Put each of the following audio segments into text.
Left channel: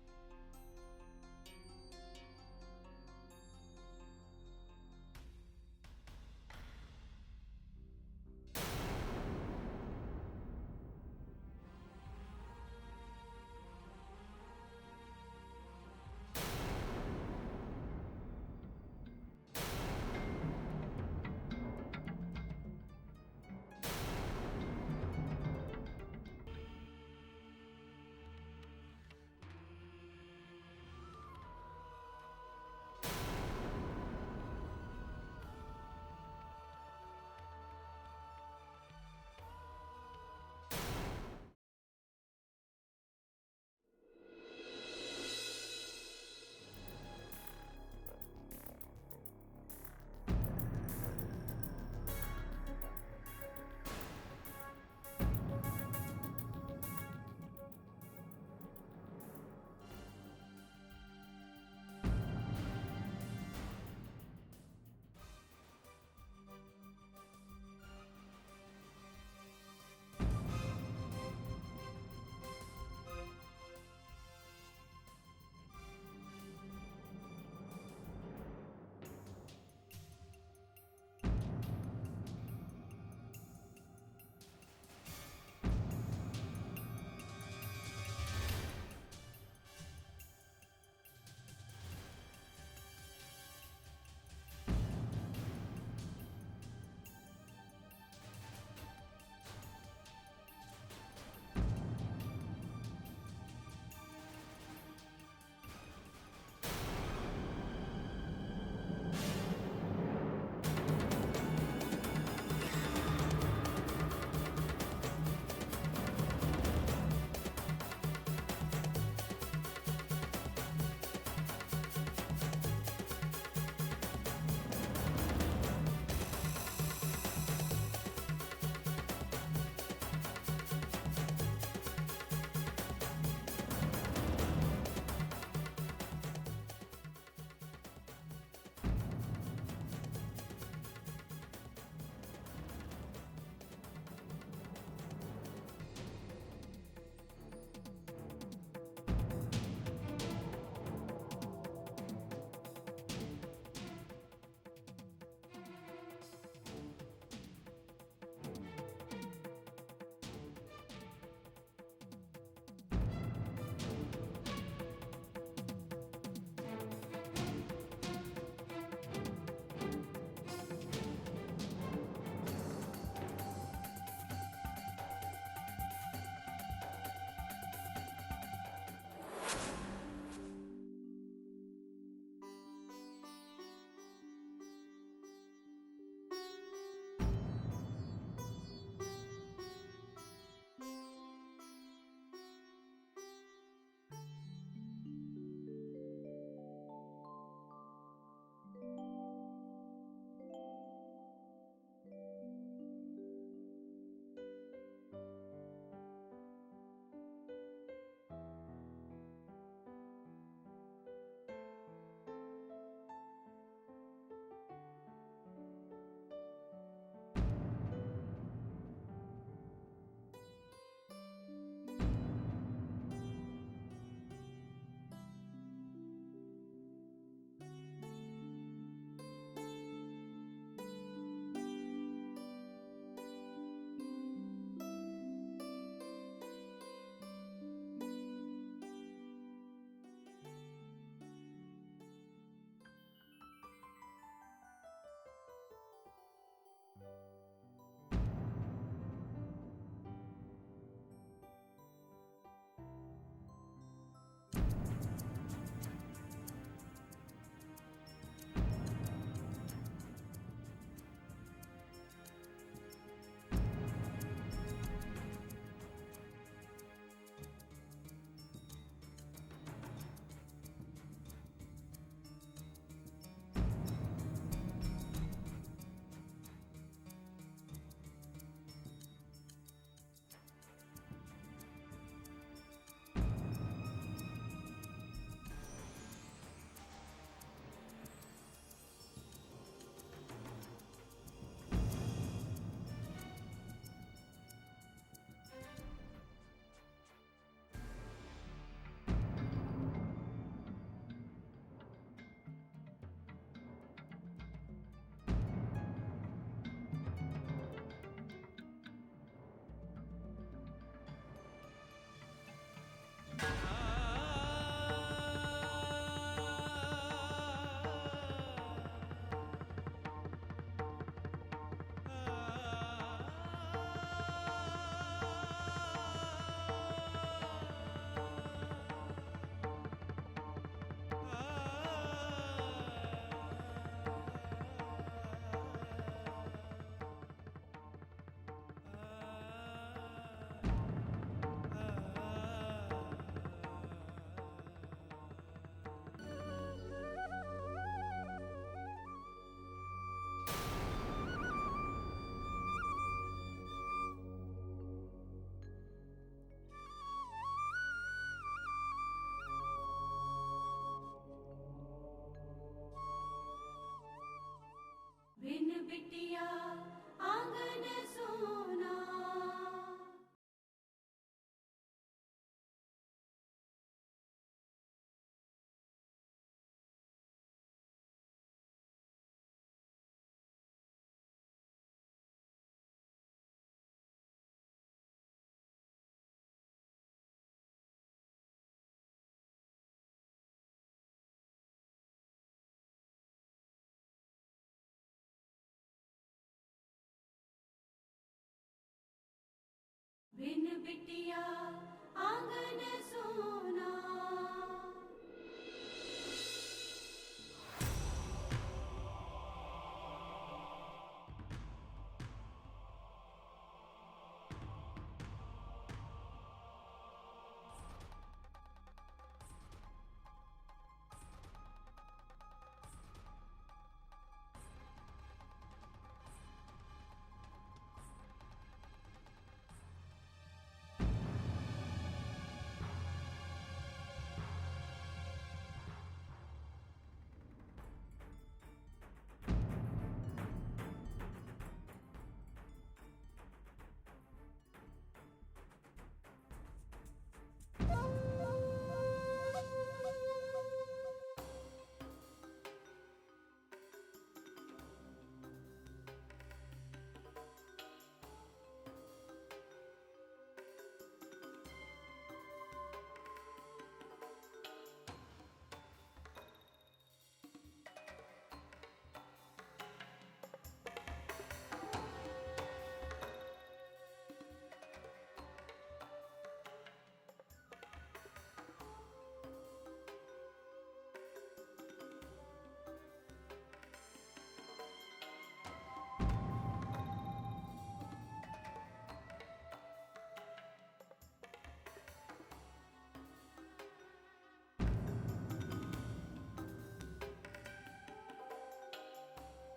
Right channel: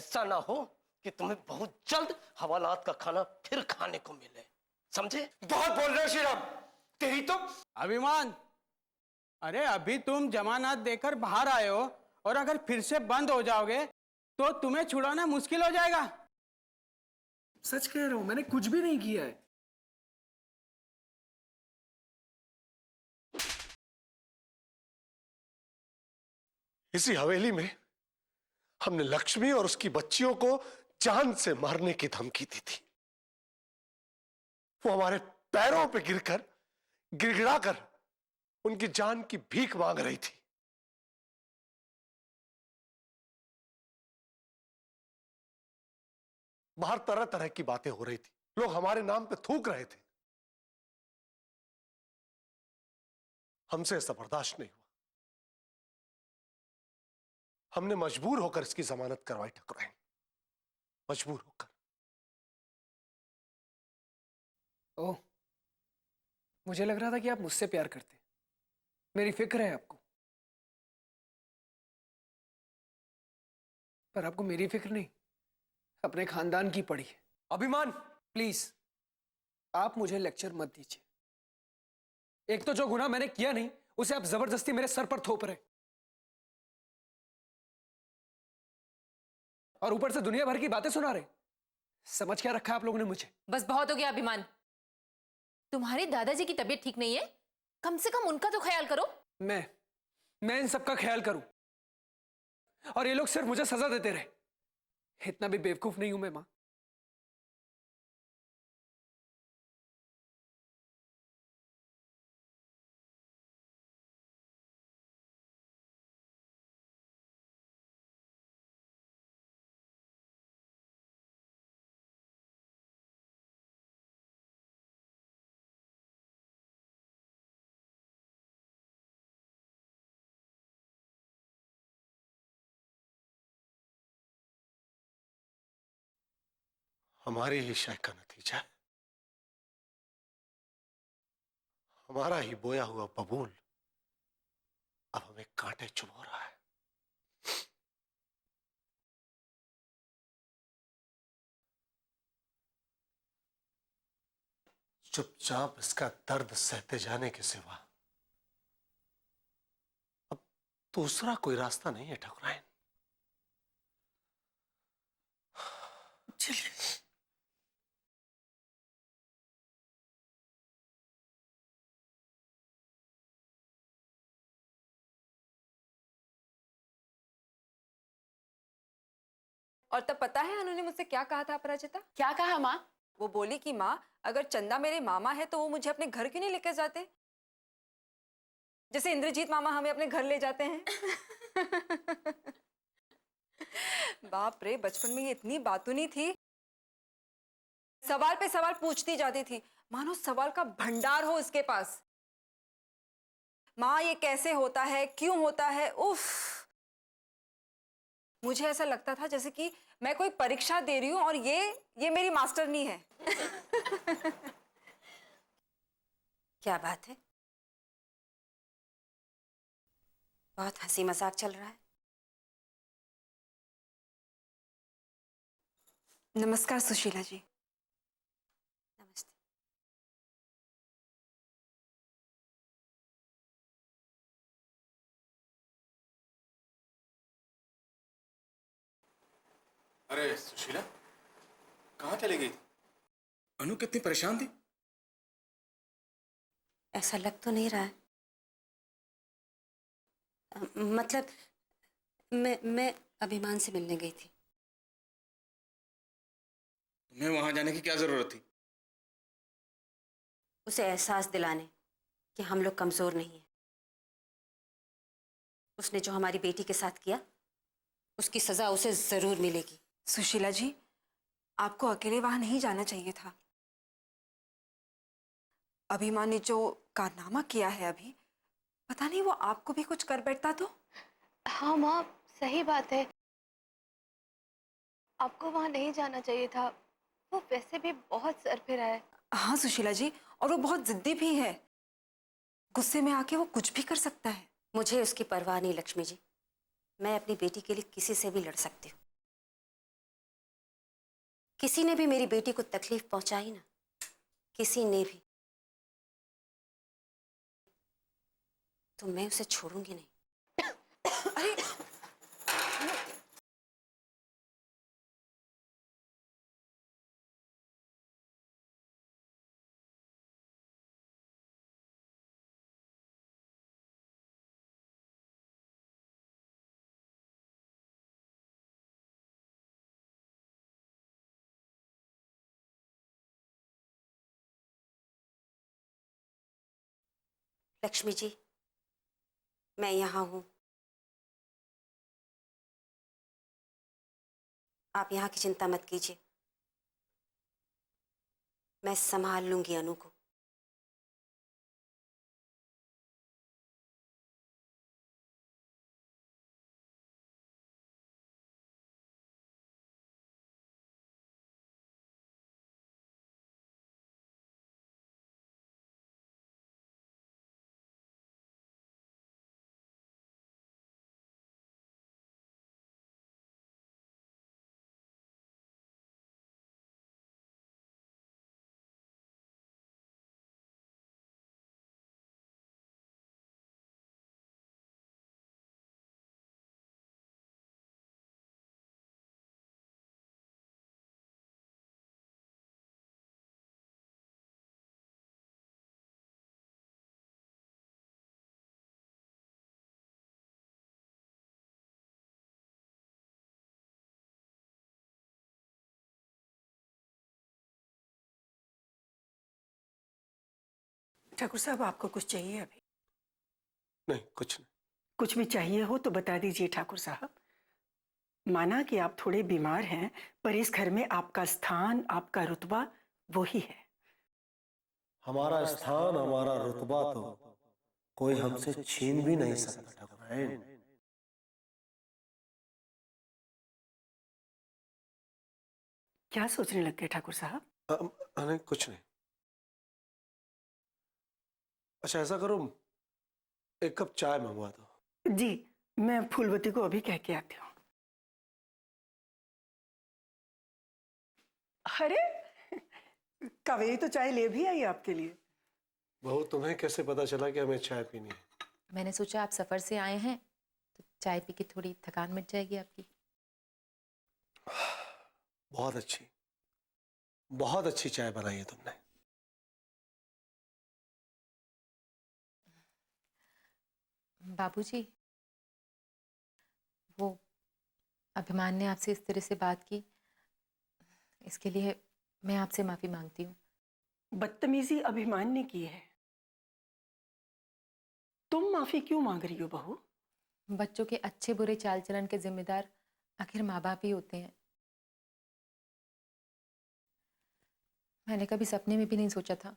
ऐसा ना हो कि तुम्हें बहुत जल्द हवालात का खाना फिर खाने को मिले, समझे? बहुत बोल रहे हो श्रीराम, तेरी तो। अभिमान, अरे अभी तुम जमानत देकर बाहर आए हो और अगर फिर से बंद हो जाओगे तो तुम्हें छुड़ाना मुश्किल हो जाएगा। सच कह रहा हूं, मैंने कुछ भी नहीं किया है। इसी हवेली में हमने लक्ष्मी और उसकी बच्चियों को जान से मारने की धमकी दी थी। वो हमारे पैरों पे गिरकर गिड़गिड़ाकर उनकी जान की भीख मांग रही थी। बाहर तरह तरह की बातें हो रही थी, लोग हमारे नाम पे थूक रहे थे। हमसे ऐसा बर्दाश्त नहीं, हमने मजबूर होकर इसकी जमानत करवाई ठाकुर, मजबूर होकर। ओह, मुझे लग रहा था कि आप मुझसे प्यार करते, मेरी फिक्र है आपको, पर आपको मेरी फिक्र नहीं, अपने खानदान की पड़ी। अभिमान, प्लीज आप मुझे लेक्चर मत दीजिए। एक तो जो गुनाह मैंने किया नहीं उसे आप जबरदस्ती मेरे सर पर थोप रहे, और ऊपर से दुनिया भर की बातें सुना रहे। समझ क्या रखा आप लोगों ने मुझे? बस बहुत हो गया अभिमान। तुम्हारे दादाजी की तबीयत ठीक नहीं है, कम से कम उनका तो ख्याल करो। मैं इन सबका ख्याल करूं और ये लोग सिर्फ मुझे सजा देते रहे। इतना भी बेवकूफ नहीं हूं मैं मां। हमारी ही शय का नतीजा, हमारा ही बोया हुआ बबूल अब हमें कांटे चुभ रहा है। चुपचाप इसका दर्द सहते जाने के सिवा अब दूसरा कोई रास्ता नहीं है ठाकुरायन। और तब पता है उन्होंने मुझसे क्या कहा था अपराजिता? क्या कहा माँ? वो बोली कि माँ, अगर चंदा मेरे मामा है तो वो मुझे अपने घर क्यों नहीं लेकर जाते, जैसे इंद्रजीत मामा हमें अपने घर ले जाते हैं। बाप रे, बचपन में ये इतनी बातूनी थी, सवाल पे सवाल पूछती जाती थी, मानो सवाल का भंडार हो इसके पास। माँ ये कैसे होता है, क्यों होता है, उफ। मुझे ऐसा लगता था जैसे कि मैं कोई परीक्षा दे रही हूं और ये मेरी मास्टरनी है। क्या बात है, बहुत हंसी मजाक चल रहा है। नमस्कार सुशीला जी। नमस्ते। अरे सुशीला, कहाँ चली गई थी? अनु कितनी परेशान थी। ऐसा लग तो नहीं रहा है, मतलब मैं अभिमान से मिलने गई थी। मैं वहां जाने की क्या जरूरत थी? उसे एहसास दिलाने कि हम लोग कमजोर नहीं हैं। उसने जो हमारी बेटी के साथ किया उसकी सजा उसे जरूर मिलेगी। सुशीला जी, आपको अकेले वहां नहीं जाना चाहिए था। अभिमान ने जो कारनामा किया है अभी, पता नहीं वो आपको भी कुछ कर बैठता तो। हाँ माँ, सही बात है, आपको वहां नहीं जाना चाहिए था। वो वैसे भी बहुत सरफिरा है। हाँ सुशीला जी, और वो बहुत जिद्दी भी है, गुस्से में आके वो कुछ भी कर सकता है। मुझे उसकी परवाह नहीं लक्ष्मी जी, मैं अपनी बेटी के लिए किसी से भी लड़ सकती हूँ। किसी ने भी मेरी बेटी को तकलीफ पहुंचाई ना, किसी ने भी, तो मैं उसे छोड़ूंगी नहीं। अरे लक्ष्मी जी, मैं यहाँ हूँ। आप यहाँ की चिंता मत कीजिए, मैं संभाल लूंगी अनु को। बिन बिटिया आंगन सोना। ठाकुर साहब, आपको कुछ चाहिए अभी? नहीं, कुछ नहीं। कुछ भी चाहिए हो तो बता दीजिए ठाकुर साहब। माना कि आप थोड़े बीमार हैं, पर इस घर में आपका स्थान, आपका रुतबा वही है। हमारा स्थान, हमारा रुतबा तो कोई हमसे छीन भी नहीं सकता ठाकुर। क्या सोचने लग गए ठाकुर साहब? नहीं, कुछ नहीं। अच्छा, ऐसा करो, एक कप चाय मंगवा दो। जी, मैं फूलवती को अभी कह के आती हूँ। अरे कावेरी तो चाय ले भी आई आपके लिए। बहू, तुम्हें कैसे पता चला कि हमें चाय पीनी है? मैंने सोचा आप सफर से आए हैं तो चाय पी के थोड़ी थकान मिट जाएगी आपकी। बहुत अच्छी चाय बनाई है तुमने। बाबूजी, वो अभिमान ने आपसे इस तरह से बात की, इसके लिए मैं आपसे माफी मांगती हूँ। बदतमीजी अभिमान ने की है, तुम माफी क्यों मांग रही हो बहू? बच्चों के अच्छे बुरे चाल चलन के जिम्मेदार आखिर माँ बाप ही होते हैं। मैंने कभी सपने में भी नहीं सोचा था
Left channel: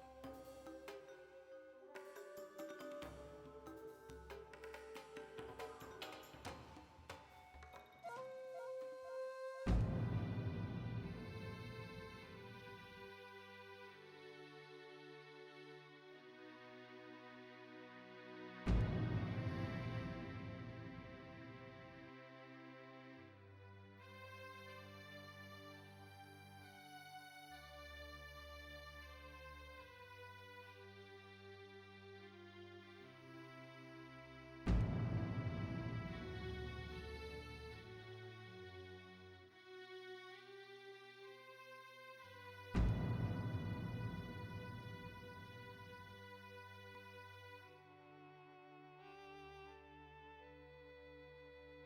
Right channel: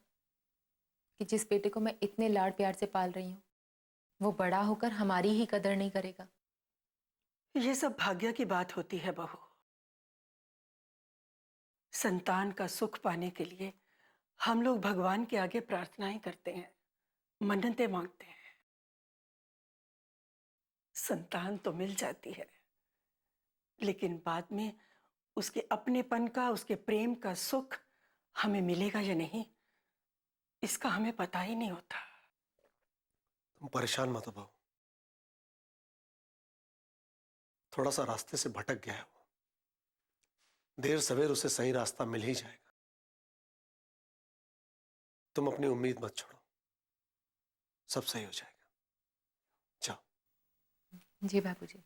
कि जिस बेटे को मैं इतने लाड प्यार से पाल रही हूँ वो बड़ा होकर हमारी ही कदर नहीं करेगा। ये सब भाग्य की बात होती है बहू। संतान का सुख पाने के लिए हम लोग भगवान के आगे प्रार्थनाएं करते हैं, मन्नतें मांगते हैं। संतान तो मिल जाती है, लेकिन बाद में उसके अपनेपन का, उसके प्रेम का सुख हमें मिलेगा या नहीं, इसका हमें पता ही नहीं होता। परेशान मत हो बहू, थोड़ा सा रास्ते से भटक गया है, देर सवेर उसे सही रास्ता मिल ही जाएगा। तुम अपनी उम्मीद मत छोड़ो, सब सही हो जाएगा। जाओ। जी बाबूजी।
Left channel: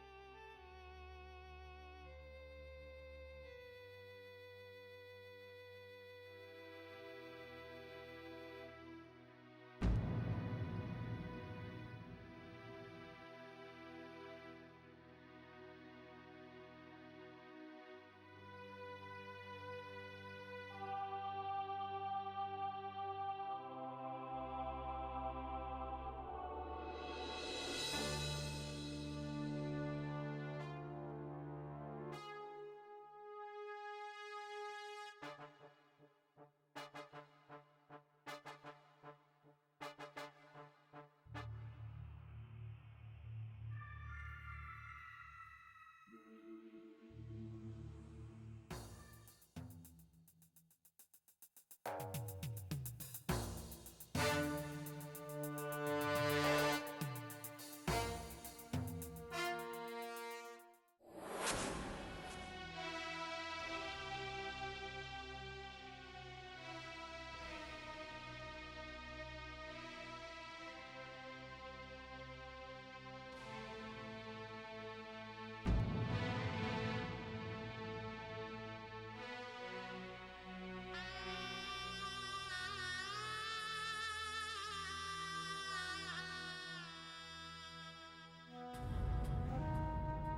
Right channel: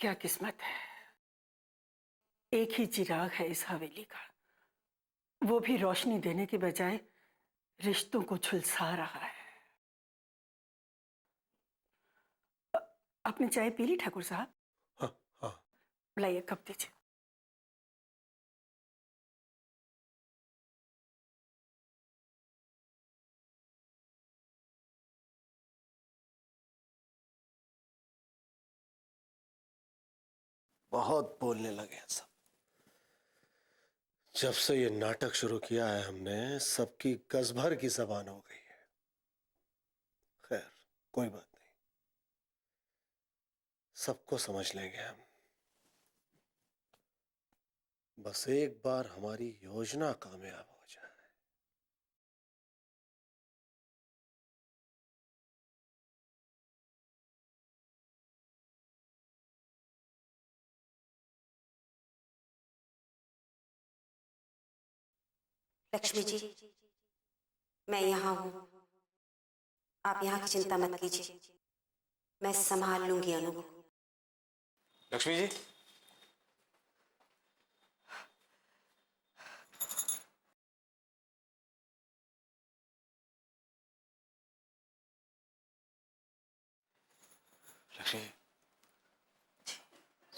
क्या किस्मत है, एक ही चिराग है इस हवेली का, वो भी रोशनी देने के बजाय रिश्तों को झुलसा रहा है। आपने चाय पी ली ठाकुर साहब? हाँ, हाँ। लाइए कप दीजिए। बहुत बोलने लगे हैं सब। जब से ये नाटक शुरू किया है हमने, सबकी गज भर की जबान हो गई है। कोई बात नहीं, सबको समझ लेंगे हम। बस एक बार हमारी योजना कामयाब हो जाए। लक्ष्मी जी, मैं यहाँ हूँ। आप यहाँ की चिंता मत कीजिए, मैं संभाल लूंगी अनु को। लक्ष्मी जी, लक्ष्मी,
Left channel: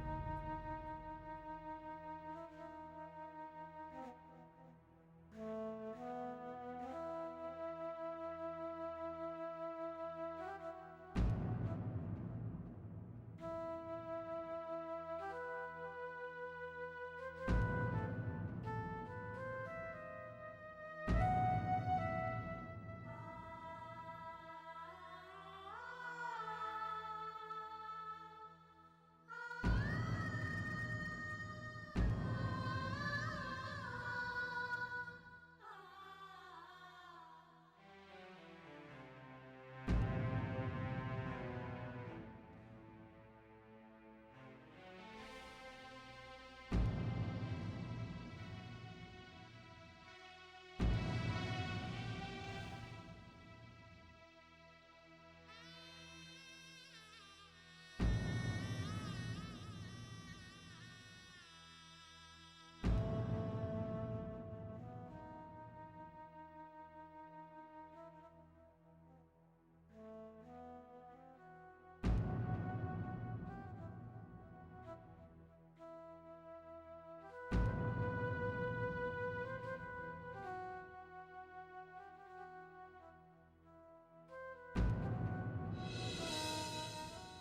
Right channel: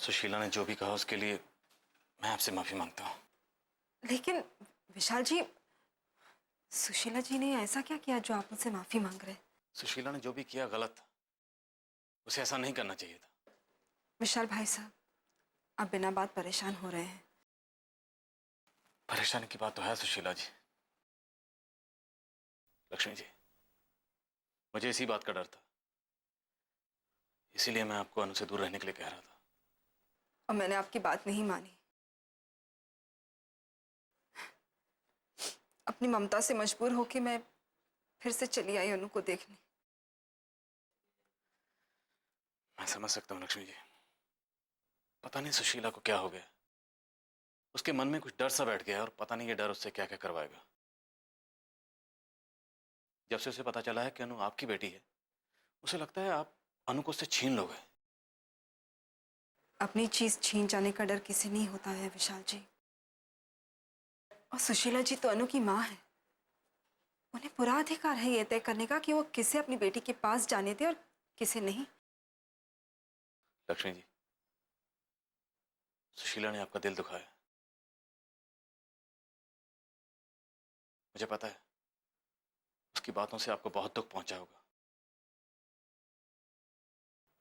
सुशीला ने जो भी कहा उसके लिए मैं आपसे माफी मांगता हूँ। लेकिन विशाल जी, सुशीला जी ने ऐसा क्या किया जो आप मुझसे माफी मांग रहे हैं? सुशीला ने जो भी किया गलत था, उसे ऐसा नहीं करना चाहिए था। विशाल भाई साहब, आप बिना बात परेशान हो रहे हैं। परेशानी की बात तो है सुशीला जी। लक्ष्मी जी, मुझे इसी बात का डर था, इसीलिए मैं आपको अनु से दूर रहने के लिए कह रहा था। और मैंने आपकी बात नहीं मानी। अपनी ममता से मजबूर होकर मैं फिर से चली आई अनु को देखने। मैं समझ सकता हूँ लक्ष्मी जी, पता नहीं सुशीला को क्या हो गया। उसके मन में कुछ डर सा बैठ गया और पता नहीं ये डर उससे क्या क्या करवाएगा। जब से उसे पता चला है कि अनु आपकी बेटी है, उसे लगता है आप अनु को उससे छीन लोगे। अपनी चीज छीन जाने का डर किसी नहीं होता है विशाल जी। और सुशीला जी तो अनु की माँ है। उन्हें पूरा अधिकार है ये तय करने का कि वो किसे अपनी बेटी के पास जाने दे और किसे नहीं। लक्ष्मी जी, सुशीला ने आपका दिल दुखाया, मुझे पता है। उसकी बातों से आपको बहुत दुख पहुंचा होगा,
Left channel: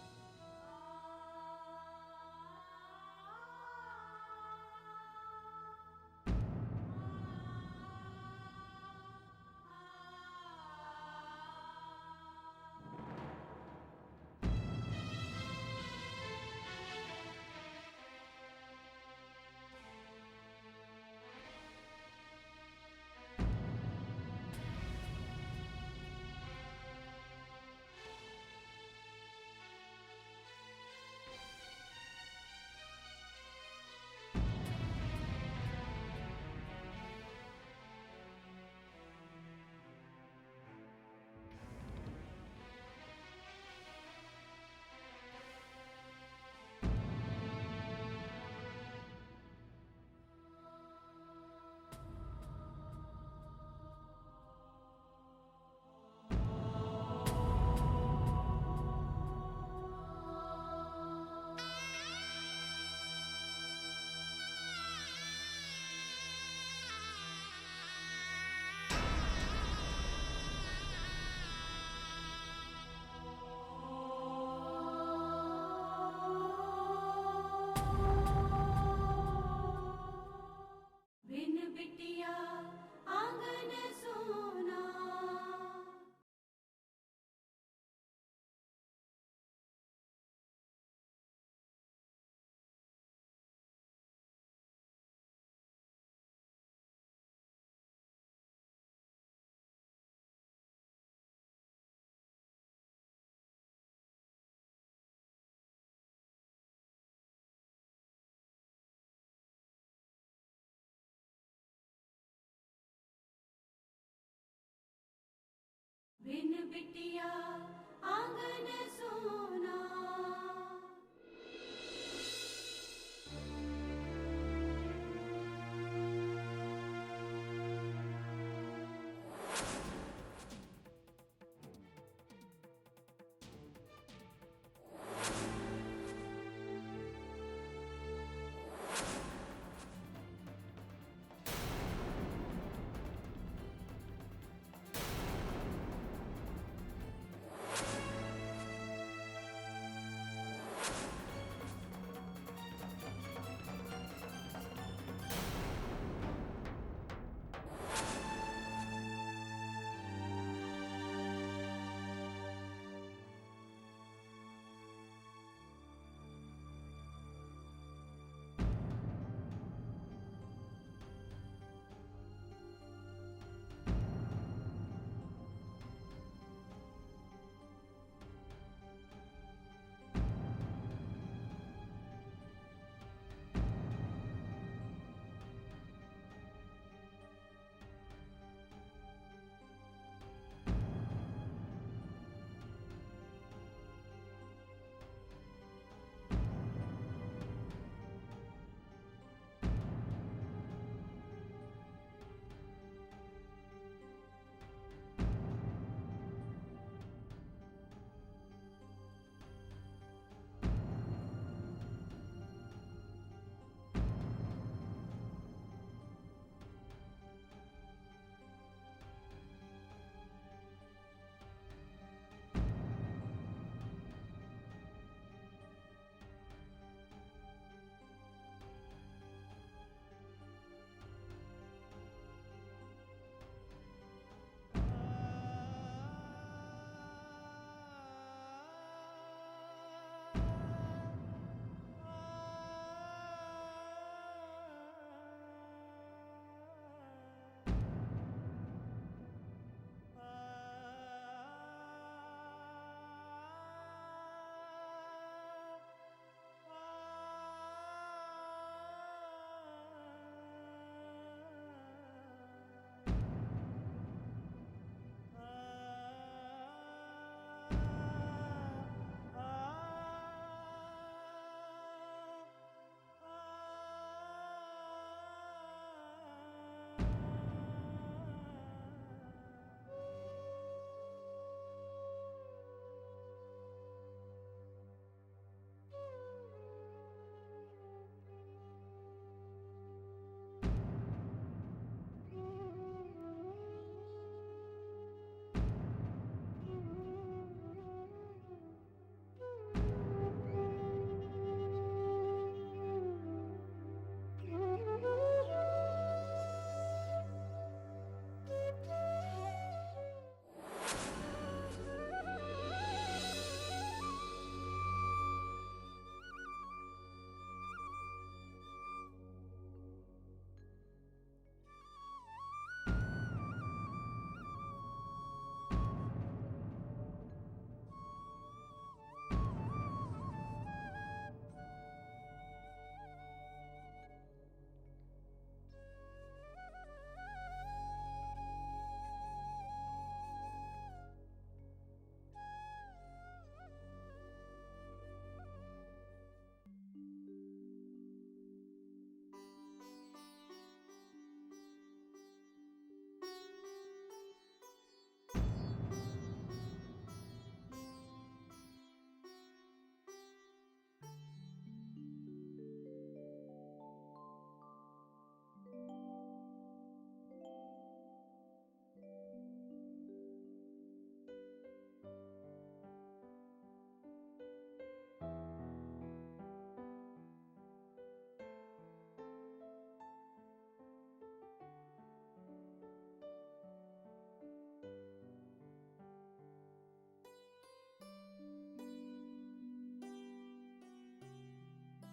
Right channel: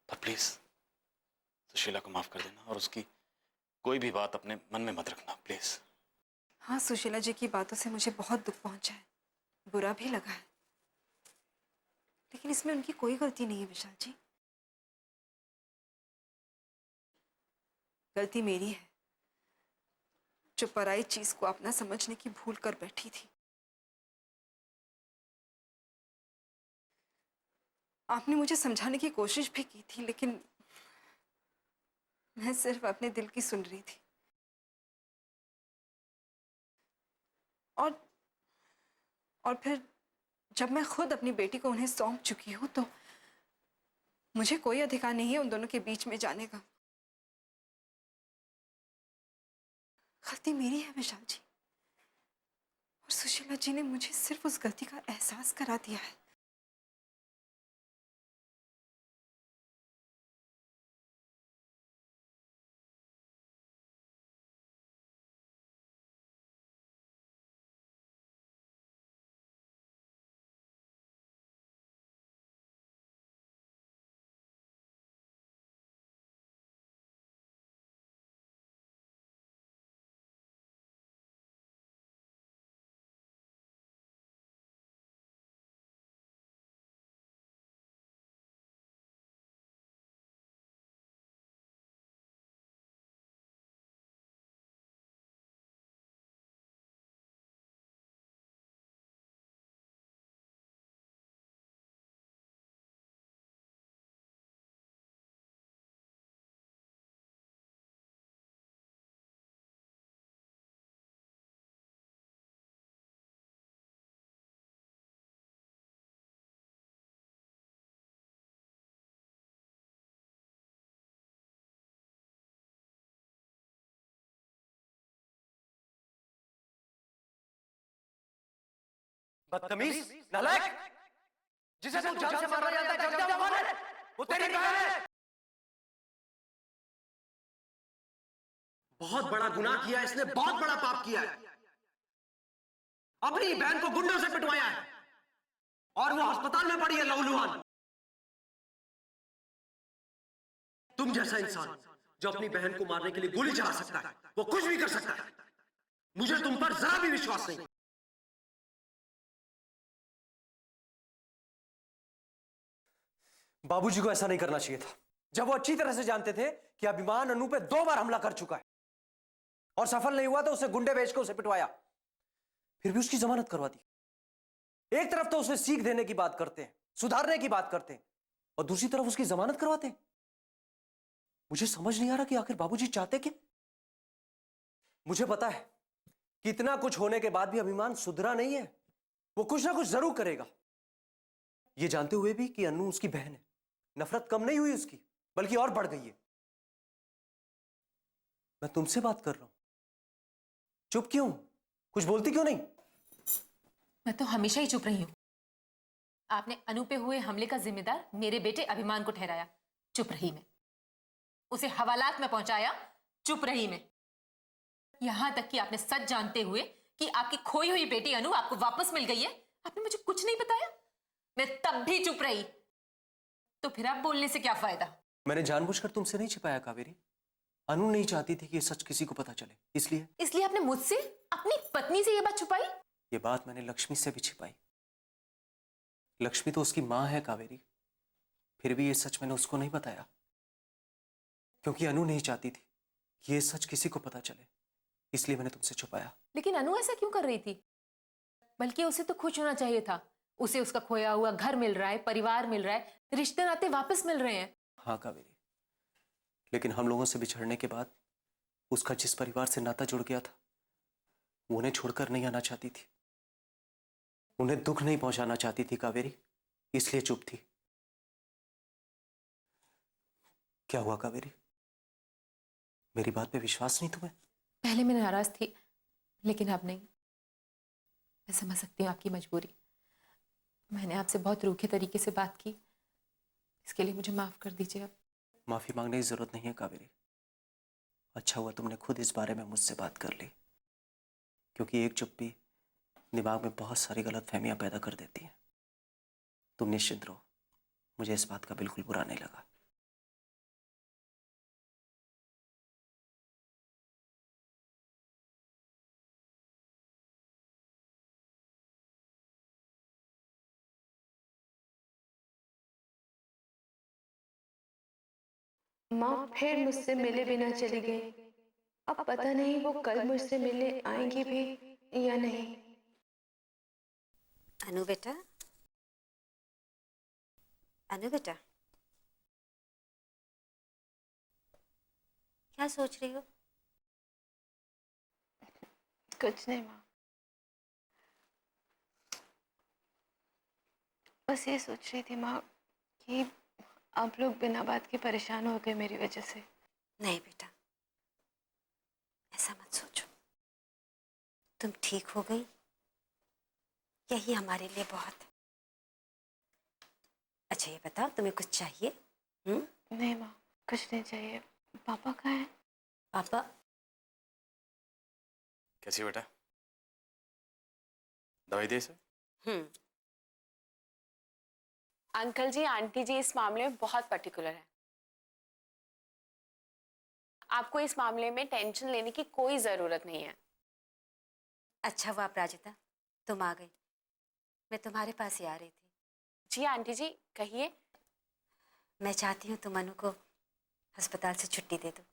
पर प्लीज सुशीला को माफ कर देना और उसकी कोई भी बात अपने मन में मत रखना, प्लीज। हाँ, सुशीला जी की बातों से मुझे बहुत दुख पहुंचा है, बुरा भी लगा है, लेकिन इसमें उनकी कोई गलती नहीं है विशाल जी। गलती मेरी है, जो पराई चीज को अपना समझने की भूल कर बैठी थी। आपने मुझे समझाने की कोशिश भी की थी, लेकिन मैं सिर्फ अपने दिल की सुन रही थी। और फिर जब मैं खुद अपनी बेटी को उन्हें सौंप चुकी हूं, तो मुझे कोई अधिकार नहीं है उन दोनों के बीच में जाने का। गलती मेरी है विशाल जी, और सुशीला जी ने मुझे सिर्फ उस गलती का एहसास करा दिया है। बिन बिटिया आंगन सोना। बिन बिटिया आंगन सोना। बदतमीज, नालायक, जिसे तू जान से मारना जानता है, जब जा मार, वो तेरी बहन है। बहुत बड़ा गुनाह किया इसने, बहुत बड़ा पाप किया है। अपनी बहन को गुंडों से पिटवाया है और वो अस्पताल में पड़ी है लहूलुहान। तुम जैसा इंसान जो अपनी बहन को मारने के लिए गोली चला सकता है, वो कुछ भी कर सकता है। मुझे तुम पर जरा भी विश्वास नहीं। बाबूजी को ऐसा नहीं करना चाहिए था, जब वो अच्छी तरह से जानते थे कि अभिमान अनु पे 2 बार हमला कर चुका है और सफल नहीं हुआ तो उसने गुंडे भेज के उसे पिटवाया, फिर भी उसकी जमानत करवा दी। एक तरफ तो उसे सीख देने की बात करते हैं, सुधारने की बात करते हैं, और दूसरी तरफ उसकी जमानत करवाते हैं। मुझे समझ नहीं आ रहा कि आखिर बाबूजी चाहते क्या। मुझे पता है कि इतना कुछ होने के बाद भी अभिमान सुधरा नहीं है, वो कुछ ना कुछ जरूर करेगा। ये जानते हुए भी कि अनु उसकी बहन है, नफरत कम नहीं हुई उसकी, बल्कि और बढ़ गई है। मैं तुमसे बात कर रहा हूं, चुप क्यों? कुछ बोलती क्यों नहीं? मैं तो हमेशा ही चुप रही हूं। आपने अनु पे हुए हमले का जिम्मेदार मेरे बेटे अभिमान को ठहराया, चुप रही मैं। उसे हवालात में पहुंचाया, चुप रही मैं। यहां तक कि आपने सच जानते हुए कि आपकी खोई हुई बेटी अनु आपको वापस मिल गई है, आपने मुझे कुछ नहीं बताया, मैं तब भी चुप रही। तो फिर आप बोलने से क्या फायदा? मैंने जानबूझकर तुमसे नहीं छिपाया कावेरी। अनु नहीं चाहती थी कि ये सच किसी को पता चले, इसलिए आपने मुझसे, अपनी पत्नी से ये बात छुपाई? ये बात मैंने लक्ष्मी से भी छिपाई। लक्ष्मी तो उसकी मां है कावेरी, फिर भी ये सच मैंने उसको नहीं बताया, क्योंकि अनु नहीं चाहती थी कि ये सच किसी को पता चले, इसलिए मैंने तुमसे छुपाया। लेकिन अनु ऐसा क्यों कर रही थी? बल्कि उसे तो खुश होना चाहिए था। उसे उसका खोया हुआ घर मिल रहा है, परिवार मिल रहा है, रिश्ते नाते वापस मिल रहे हैं। हाँ कावेरी, लेकिन हम लोगों से बिछड़ने के बाद उसका जिस परिवार से नाता जुड़ गया था, वो उन्हें छोड़कर नहीं आना चाहती थी, उन्हें दुख नहीं पहुंचाना चाहती थी कावेरी, इसलिए चुप थी। क्या हुआ कावेरी, मेरी बात पे विश्वास नहीं तुम्हें? पहले मैं नाराज थी, लेकिन अब नहीं। मैं समझ सकती हूँ आपकी मजबूरी। मैंने आपसे बहुत रूखे तरीके से बात की, इसके लिए मुझे माफ कर दीजिए। अब माफी मांगने की जरूरत नहीं है कावेरी। अच्छा हुआ तुमने खुद इस बारे में मुझसे बात कर ली, क्योंकि एक चुप्पी दिमाग में बहुत सारी गलतफहमियां पैदा कर देती है। तुम निश्चित रहो, मुझे इस बात का बिल्कुल बुरा नहीं लगा। माँ फिर मुझसे मिले बिना चली गई। अब पता नहीं वो कल मुझसे मिलने आएंगी भी या नहीं। अनु बेटा, अनु बेटा, क्या सोच रही हो? कुछ नहीं माँ, बस ये सोच रही थी माँ कि आप लोग बिना बात के परेशान हो गए मेरी वजह से। नहीं बेटा, ऐसा मत सोचो। तुम ठीक हो गई, यही हमारे लिए बहुत है। अच्छा ये बताओ, तुम्हें कुछ चाहिए? नहीं माँ, कुछ नहीं चाहिए। पापा कहाँ हैं? पापा? कैसी बेटा, दवाई दे इसे? अंकल जी, आंटी जी इस मामले में बहुत पर्टिकुलर है। आपको इस मामले में टेंशन लेने की कोई जरूरत नहीं है। अच्छा हुआ अपराजिता, तुम आ गई। मैं तुम्हारे पास ही आ रही थी। जी आंटी जी, कहिए। मैं चाहती हूँ तुम अनु को अस्पताल से छुट्टी दे दो।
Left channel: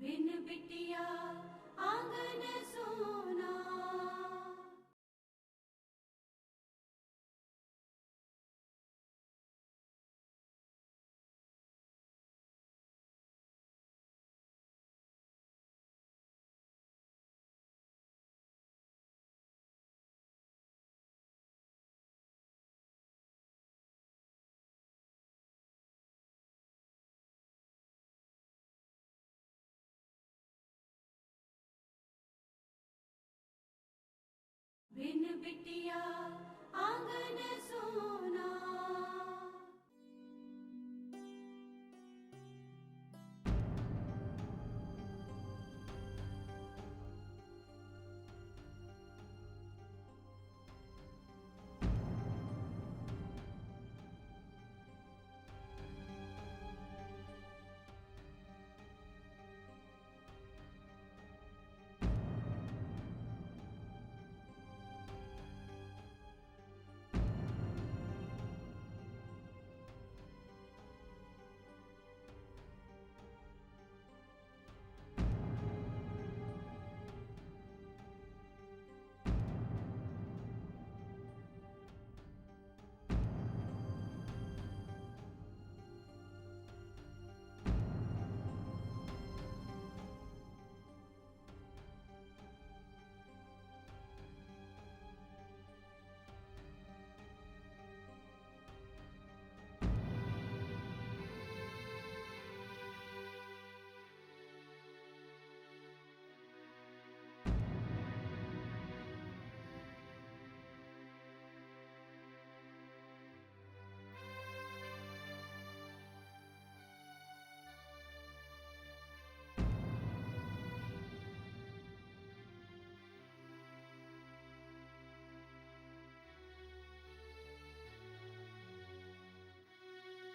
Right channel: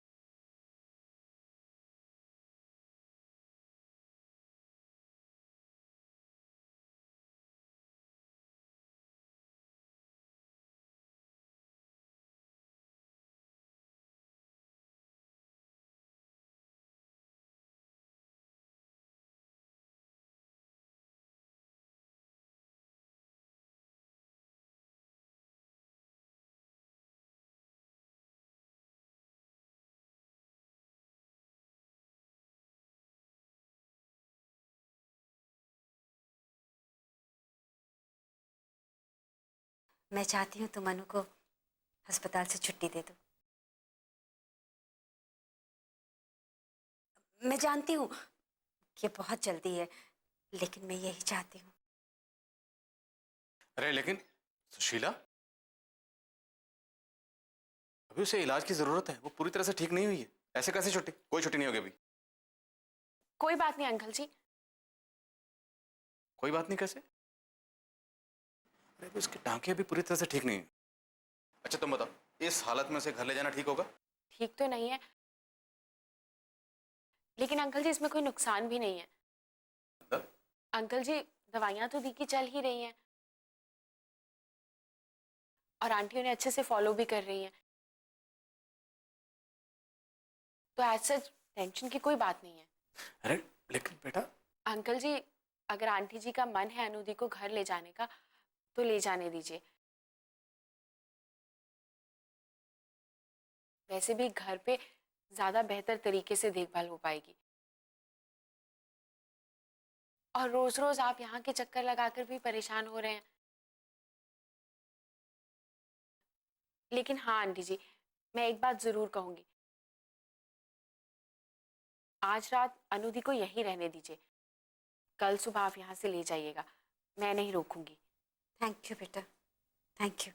बिन बिटिया आंगन सोना। बिन बिटिया आंगन सोना। मैं चाहती हूँ तुम अनु को अस्पताल से छुट्टी दे दो। मैं जानती हूँ कि बहुत जल्दी है, लेकिन मैं यही चाहती हूँ। अरे लेकिन सुशीला, अभी उसे इलाज की जरूरत है, वो पूरी तरह से ठीक नहीं हुई है। ऐसे कैसे छुट्टी? कोई छुट्टी नहीं होगी अभी। कोई बात नहीं अंकल जी। कोई बात नहीं कैसे? फिर भी उसके टांके अभी पूरी तरह से ठीक नहीं है। अच्छा तुम बताओ, इस हालत में उसे घर ले जाना ठीक होगा? ठीक तो नहीं है, लेकिन अंकल जी इसमें कोई नुकसान भी नहीं है। अंकल जी दवाइयां तो दी की चल ही रही हैं और आंटी उन्हें अच्छे से फॉलो भी कर रही हैं, तो एज सच टेंशन की कोई बात नहीं है। अरे लेकिन बेटा, अंकल जी अगर आंटी जी का मन है अनुदी को घर ले जाने का तो ले जाने दीजिए। वैसे भी घर पे ज्यादा बेहतर तरीके से देखभाल हो पाएगी और रोज रोज आप यहाँ के चक्कर लगाकर भी परेशान हो रहे हैं। लेकिन हाँ आंटी जी, मैं एक बात जरूर कहूंगी, आज रात अनुदी को यहीं रहने दीजिए, कल सुबह आप यहाँ से ले जाइएगा, मैं नहीं रोकूंगी। थैंक यू बेटा, थैंक यू।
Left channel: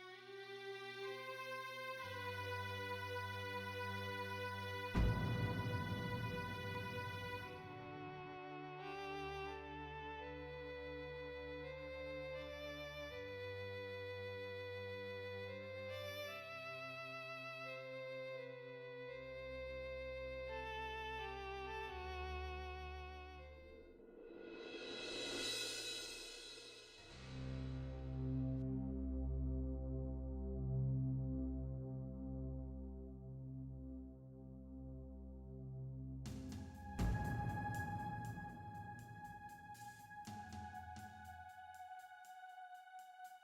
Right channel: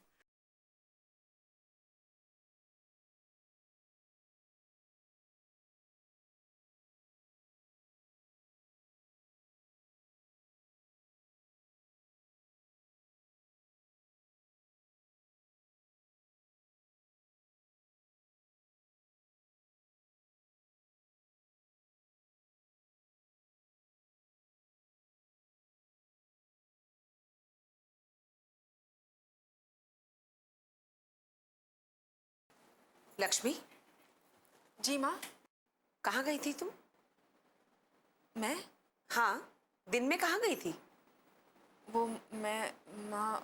लक्ष्मी, जी माँ। कहाँ गई थी तुम? मैं? हाँ, दिन में कहाँ गई थी? वो मैं माँ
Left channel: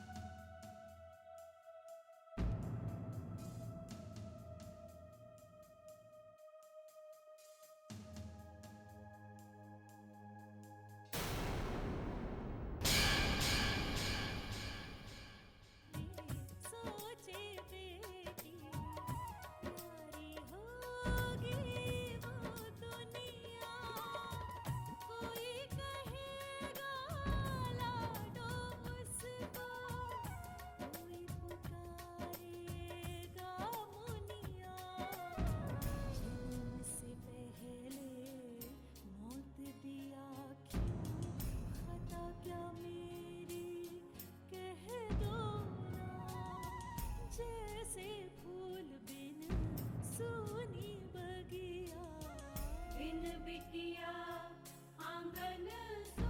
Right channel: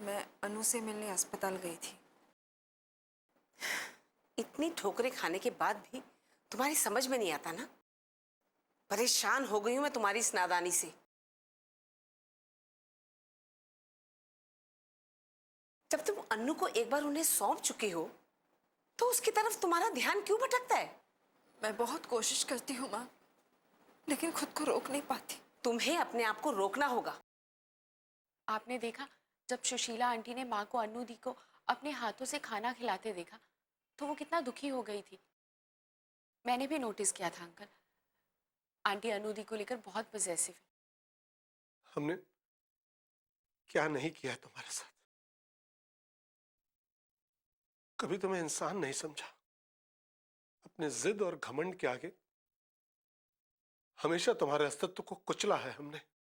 मैं अनु से मिलने अस्पताल गई थी। इतनी ठोकरें खाने के बाद भी तुम्हारी समझ में नहीं आता ना? परेशान हो गई हूं मैं तुम्हारी इस नादानी से। जब तुम अन्नू को एक बार उन्हें सौंप चुके हो तो उसकी तरफ तुम्हारा ध्यान क्यों भटकता है? मैं बहुत कोशिश करती हूँ माँ, लेकिन खुद को रोक नहीं पाती। तुम्हें अपने आप को रोकना होगा। आपने देखा जब सुशीला आंटी ने माँ को अन्नू दी को अपने हाथों से खाना खिलाते देखा तो वो कितना दुखी हो गई थी। मैंने भी नोटिस किया था अंकल, आंटी अन्नू दी को लेकर बहुत पॉसेसिव थी। हमने क्या नहीं किया तुम्हारे साथ? कभी तुम्हें इंसान नहीं समझा। अपने जिद और घमंड के आगे हमेशा तुम्हारे अस्तित्व को कुचला है हमने।